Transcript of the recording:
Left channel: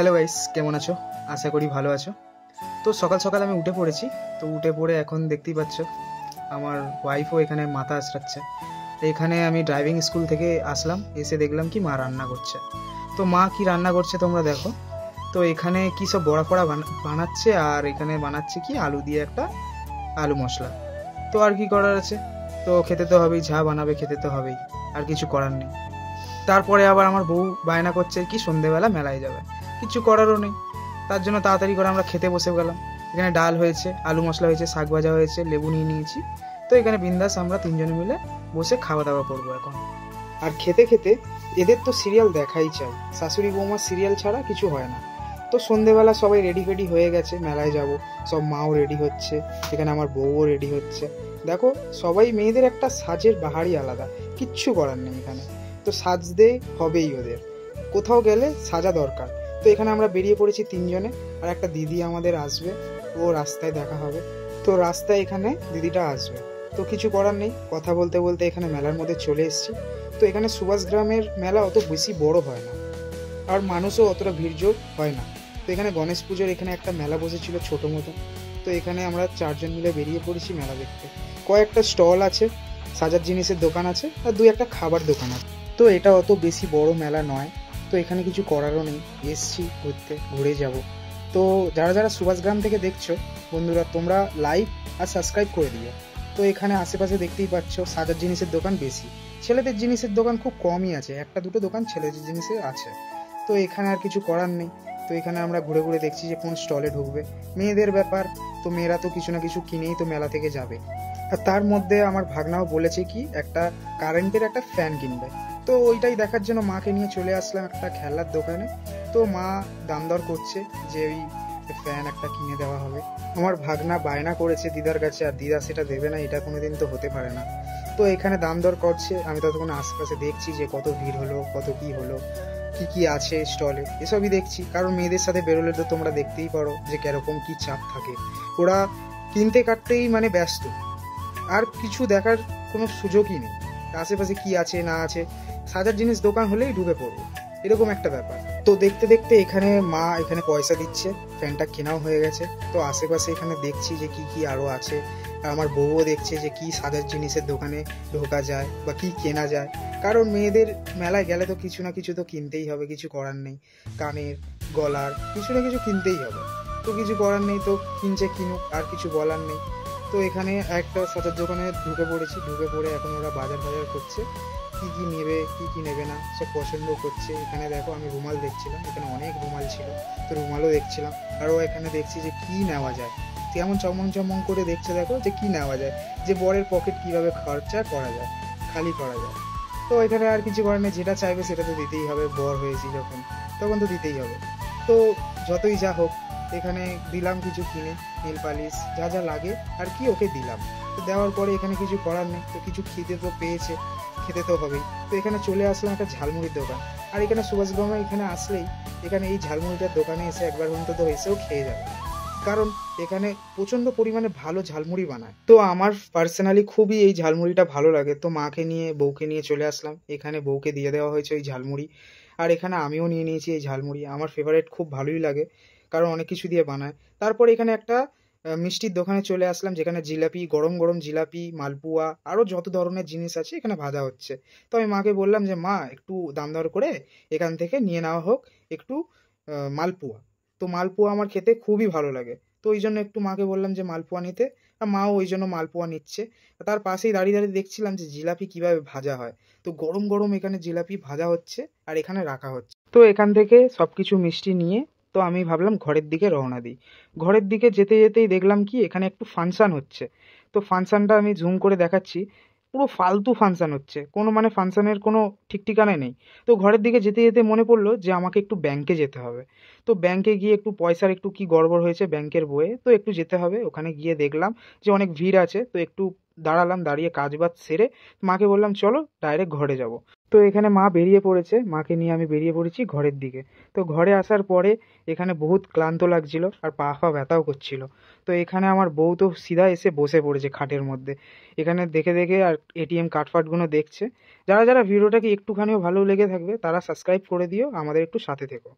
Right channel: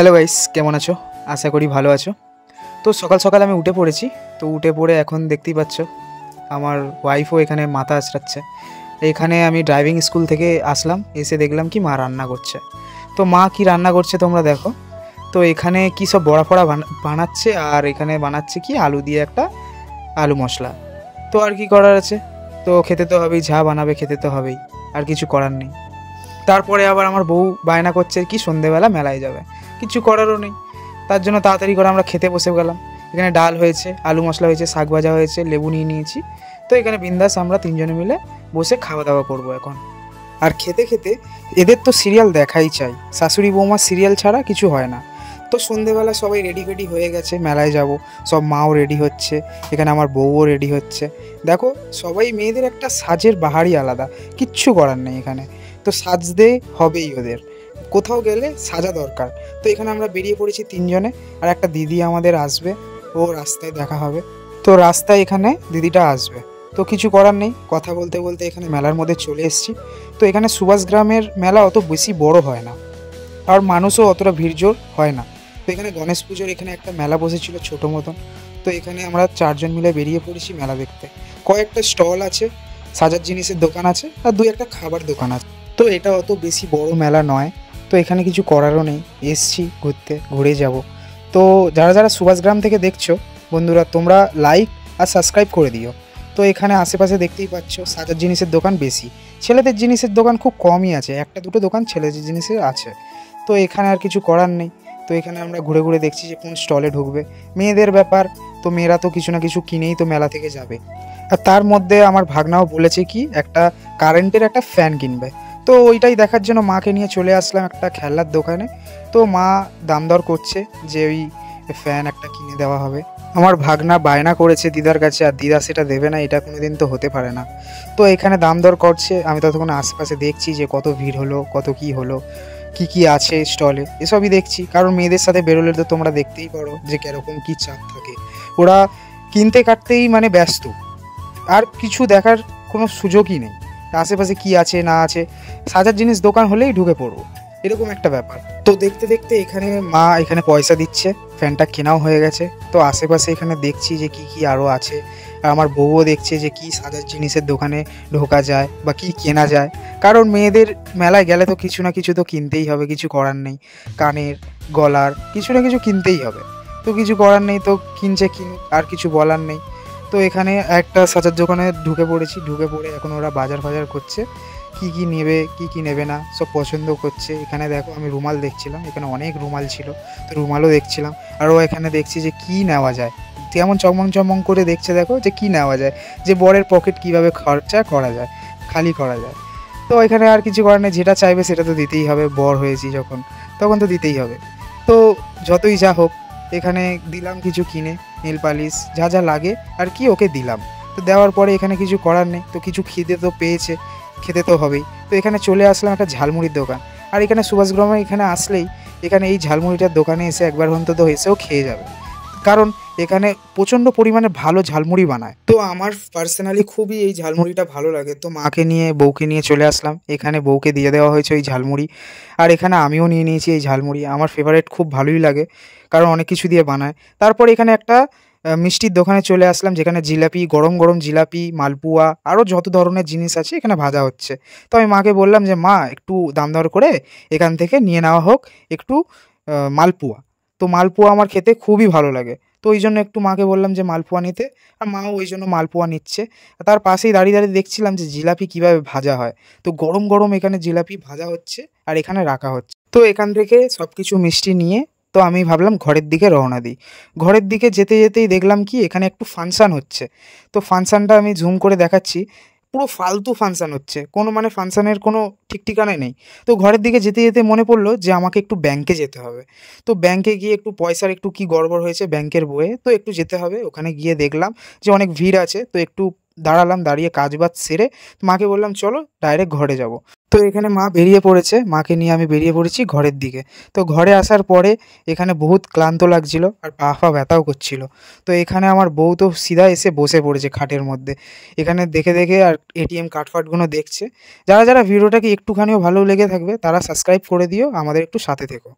Hello guys, কেমন আছো? আশা করি ভালো আছো। তো সকাল সকাল আমি উঠে পড়েছি। তো উঠে পড়ে এখন দেখতেই পাচ্ছ আমার ওয়াইফও এখানে মাথা আঁচড়াচ্ছে। এখানে আমি ড্রাইভিং স্কুল থেকে আসলাম, এসে দেখলাম কি মা রান্না করছে। তো মা কি রান্না করছে তোমরা দেখো। তো এখানে কি সব বড়া ফড়া বানাচ্ছে, আর এখানে বানাচ্ছে কি আলু দিয়ে একটা আলু মশলা। তো আর কি করার আছে, তো খেতে তো হবেই, যা বানাবে খেতে তো হবেই, আর কিছু করার নেই। তারপরে আবার আমার বউ বায়না করছে কি সন্ধেবেলা মেলায় যাবে, কিছু করারও নেই। তার জন্য তাড়াতাড়ি করে আমরা খেতে বসে গেলাম। এখানে ডাল হয়েছে, আলু মশলা হয়েছে, শাক ভাজা হয়েছে, লেবু নিয়ে নিয়েছি। তো এখানে বিন্দাস আমরা তিনজনে মিলে বসে খাওয়া দাওয়া করবো এখন। আর খেতে খেতে এদের তো সিরিয়াল দেখাই চাই, শাশুড়ি বৌমার সিরিয়াল ছাড়া কিছু হয় না। তো সন্ধেবেলা সবাই রেডি ফেডি হয়ে গেছে, মেলায় যাব। সব মাও রেডি হচ্ছে, এখানে আমার বউও রেডি হচ্ছে। দেখো সবাই, মেয়েদের একটা সাজের বাহারই আলাদা, কিচ্ছু করার নেই এখানে। তো সাজতে হবেই ওদের, কোথাও গেলে সাজা দরকার। তো এখানে আমরা বেরিয়ে পড়েছি তিনজনে, আর একটা দিদি আমাদের আসবে, ও রাস্তায় দেখা হবে। তো রাস্তায় এখানে দিদিটা আসবে, তো কিছু করার নেই। কথা বলতে বলতে এখানে মেলার মধ্যে চলে এসেছি। তো এখানে সুভাষ গ্রামের মেলা অত বেশি বড় হয় না, আর মানুষও অতটা ভিড়জোর হয় না। তো এখানে গণেশ পুজোর এখানে একটা মেলা বসেছিল ছোটো মতন। তো এখানে আমরা চারজন মিলে বেরিয়ে পড়েছি মেলা দেখতে। কয়েকটা স্টল আছে, সাজার জিনিসের দোকান আছে, আর দুই একটা খাবার দোকান আছে। তো এটা অত বেশি বড় মেলা নয়। তো এখানে কিছু করারও নেই, এসছি ঘুরতে, ঘুরে যাব। তো যারা যারা সুভাষগ্রাম থেকে দেখছো বন্ধুরা, তোমরা লাইক আর সাবস্ক্রাইব করে দিও। তো এখানে আশেপাশে দেখতেই পাচ্ছ সাজার জিনিসের দোকান বেশি, ছেলেদের জিনিসের দোকান খুব কমই আছে, একটা দুটো দোকান ছেলেদের জিনিসের আছে। তো এখানে আর কিছু করার নেই। তো এখানে আমরা ঘুরে ঘুরে দেখছি যে কোন স্টলে ঢুকবে। মেয়েদের ব্যাপার, তো মেয়েরা তো কিছু না কিছু কিনেই তো মেলা থেকে যাবে। আর তার মধ্যে আমার ভাগনাও বলেছে কি একটা কারেন্টের একটা ফ্যান কিনবে। তো ওইটাই দেখার জন্য মাকে নিয়ে চলে আসলাম একটা খেলনার দোকানে। তো মা দাম দর করছে যে ওই ফ্যান একটা কিনে দেওয়া হবে। আমার ভাগনা বায়না করেছে দিদার কাছে, আর দিদা সেটা দেবে না, এটা কোনোদিন তো হতে পারে না। তো এখানে দাম দর করছে, আমি ততক্ষণ আশেপাশে দেখছি যে কত ভিড় হলো, কত কি হলো, কি কি আছে স্টলে, এসবই দেখছি। কারণ মেয়েদের সাথে বেরোলে তো তোমরা দেখতেই পারো যে কীরকম কী চাপ থাকে। ওরা কিনতে কাটতেই মানে ব্যস্ত, আর কিছু দেখার কোনো সুযোগই নেই আশেপাশে কি আছে না আছে। সাজার জিনিস দোকান হলেই ঢুকে পড়বো, এরকম একটা ব্যাপার। তো দেখতে দেখতে এখানে মা এখানে পয়সা দিচ্ছে, ফ্যানটা কেনাও হয়ে গেছে। তো আশেপাশে এখানে দেখছি যে কি কি আরও আছে, আর আমার বউও দেখছে যে কি সাজার জিনিসের দোকানে ঢোকা যায় বা কি কেনা যায়। কারণ মেয়েদের মেলায় গেলে তো কিছু না কিছু তো কিনতেই হবে, কিছু করার নেই। কানের, গলার কিছু না কিছু কিনতেই হবে। তো কিছু করার নেই, তো কিনছে কিনুক, আর কিছু বলার নেই। তো এখানে একটা সাজার দোকানে ঢুকে পড়েছি, ঢুকে পড়ে এখন ওরা বাজার ফাজার করছে, কি কি নেবে কি কি নেবে না সব পছন্দ করছে। এখানে দেখো আমি রুমাল দেখছিলাম, এখানে অনেক রুমাল ছিল, তো রুমালও দেখছিলাম। আরও এখানে দেখছি যে কি নেওয়া যায়, কেমন চমং চমং করে দেখছে দেখো যে কি নেওয়া যায়, যে বরের পকেট কিভাবে খরচা করা যায়, খালি করা যায়। তো এখানে আর কিছু করার নেই, যেটা চাইবে সেটা তো দিতেই হবে, বর হয়েছি যখন তখন তো দিতেই হবে। তো যতই যা হোক এখানে দিলাম কিছু কিনে, নেল পালিশ যা যা লাগে আর কি ওকে দিলাম। তো দেওয়ার পরে এখানে কিছু করার নেই, তো কিছু খিদে তো পেয়েছে, খেতে তো হবেই। তো এখানে চলে আসলাম একটা ঝালমুড়ির দোকান। আর এখানে সুভাষগ্রামে এখানে আসলেই এখানে এই ঝালমুড়িটার দোকানে এসে একবার অন্তত এসেও খেয়ে যাবে, কারণ এখানে প্রচণ্ড পরিমাণে ভালো ঝালমুড়ি বানায়। তো আমার পার্সোনালি খুবই এই ঝালমুড়িটা ভালো লাগে। তো মাকে নিয়ে বউকে নিয়ে চলে আসলাম, এখানে বউকে দিয়ে দেওয়া হয়েছে ওই ঝালমুড়ি, আর এখানে আমিও নিয়ে নিয়েছি এই ঝালমুড়ি। আমার ফেভারিট, খুব ভালোই লাগে, কারণ অনেক কিছু দিয়ে বানায়। তারপর এখানে একটা মিষ্টির দোকানে চলে আসলাম, যেখানে জিলাপি, গরম গরম জিলাপি, মালপুয়া, আরও যত ধরনের জিনিস আছে এখানে ভাজা হচ্ছে। তো আমি মাকে বললাম যে মা একটু দাম দর করে এখান থেকে নিয়ে নেওয়া হোক একটু মালপুয়া। তো মালপুয়া আমার খেতে খুবই ভালো লাগে, তো ওই জন্য একটু মাকে বললাম যে মালপুয়া নিতে, আর মাও ওই জন্য মালপুয়া নিচ্ছে। তার পাশেই দাঁড়িয়ে দাঁড়িয়ে দেখছিলাম যে জিলাপি কীভাবে ভাজা হয়। তো গরম গরম এখানে জিলাপি ভাজা হচ্ছে আর এখানে রাখা হচ্ছে। তো এখান থেকে সব কিছু মিষ্টি নিয়ে তো আমি ভাবলাম ঘরের দিকে রওনা দিই। ঘরের দিকে যেতে যেতেই দেখলাম কি এখানে একটু ফাংশান হচ্ছে। তো ফাংশানটা আমি জুম করে দেখাচ্ছি, পুরো ফালতু ফাংশান হচ্ছে, কোনো মানে ফাংশানের কোনো ঠিক ঠিকানা নেই। তো ঘরের দিকে যেতে যেতে মনে পড়লো যে আমাকে একটু ব্যাংকে যেতে হবে। তো ব্যাংকে গিয়ে একটু পয়সার একটু কি গড়বড় হয়েছে ব্যাংকের বইয়ে, তো একটু যেতে হবে। ওখানে গিয়ে দেখলাম যে অনেক ভিড় আছে, তো একটু দাঁড়ালাম, দাঁড়িয়ে কাজ বাজ সেরে মাকে বললাম চলো ডাইরেক্ট ঘরে যাব। তো এখানে মা বেরিয়ে পড়েছে, মাকে নিয়ে আমি বেরিয়ে পড়েছি ঘরের দিকে। তো ঘরে আসার পরে এখানে বহুত ক্লান্ত লাগছিল, আর পা ফা ব্যথাও করছিল। তো এখানে আমার বউ তো সিধা এসে বসে পড়েছে খাটের মধ্যে, এখানে দেখে দেখে আর এটিএম কার্ড ফার্ডগুলো দেখছে। যারা যারা ভিডিওটাকে একটুখানিও ভালো লেগে থাকবে তারা সাবস্ক্রাইব করে দিও, আমাদের একটু সাথে থেকো।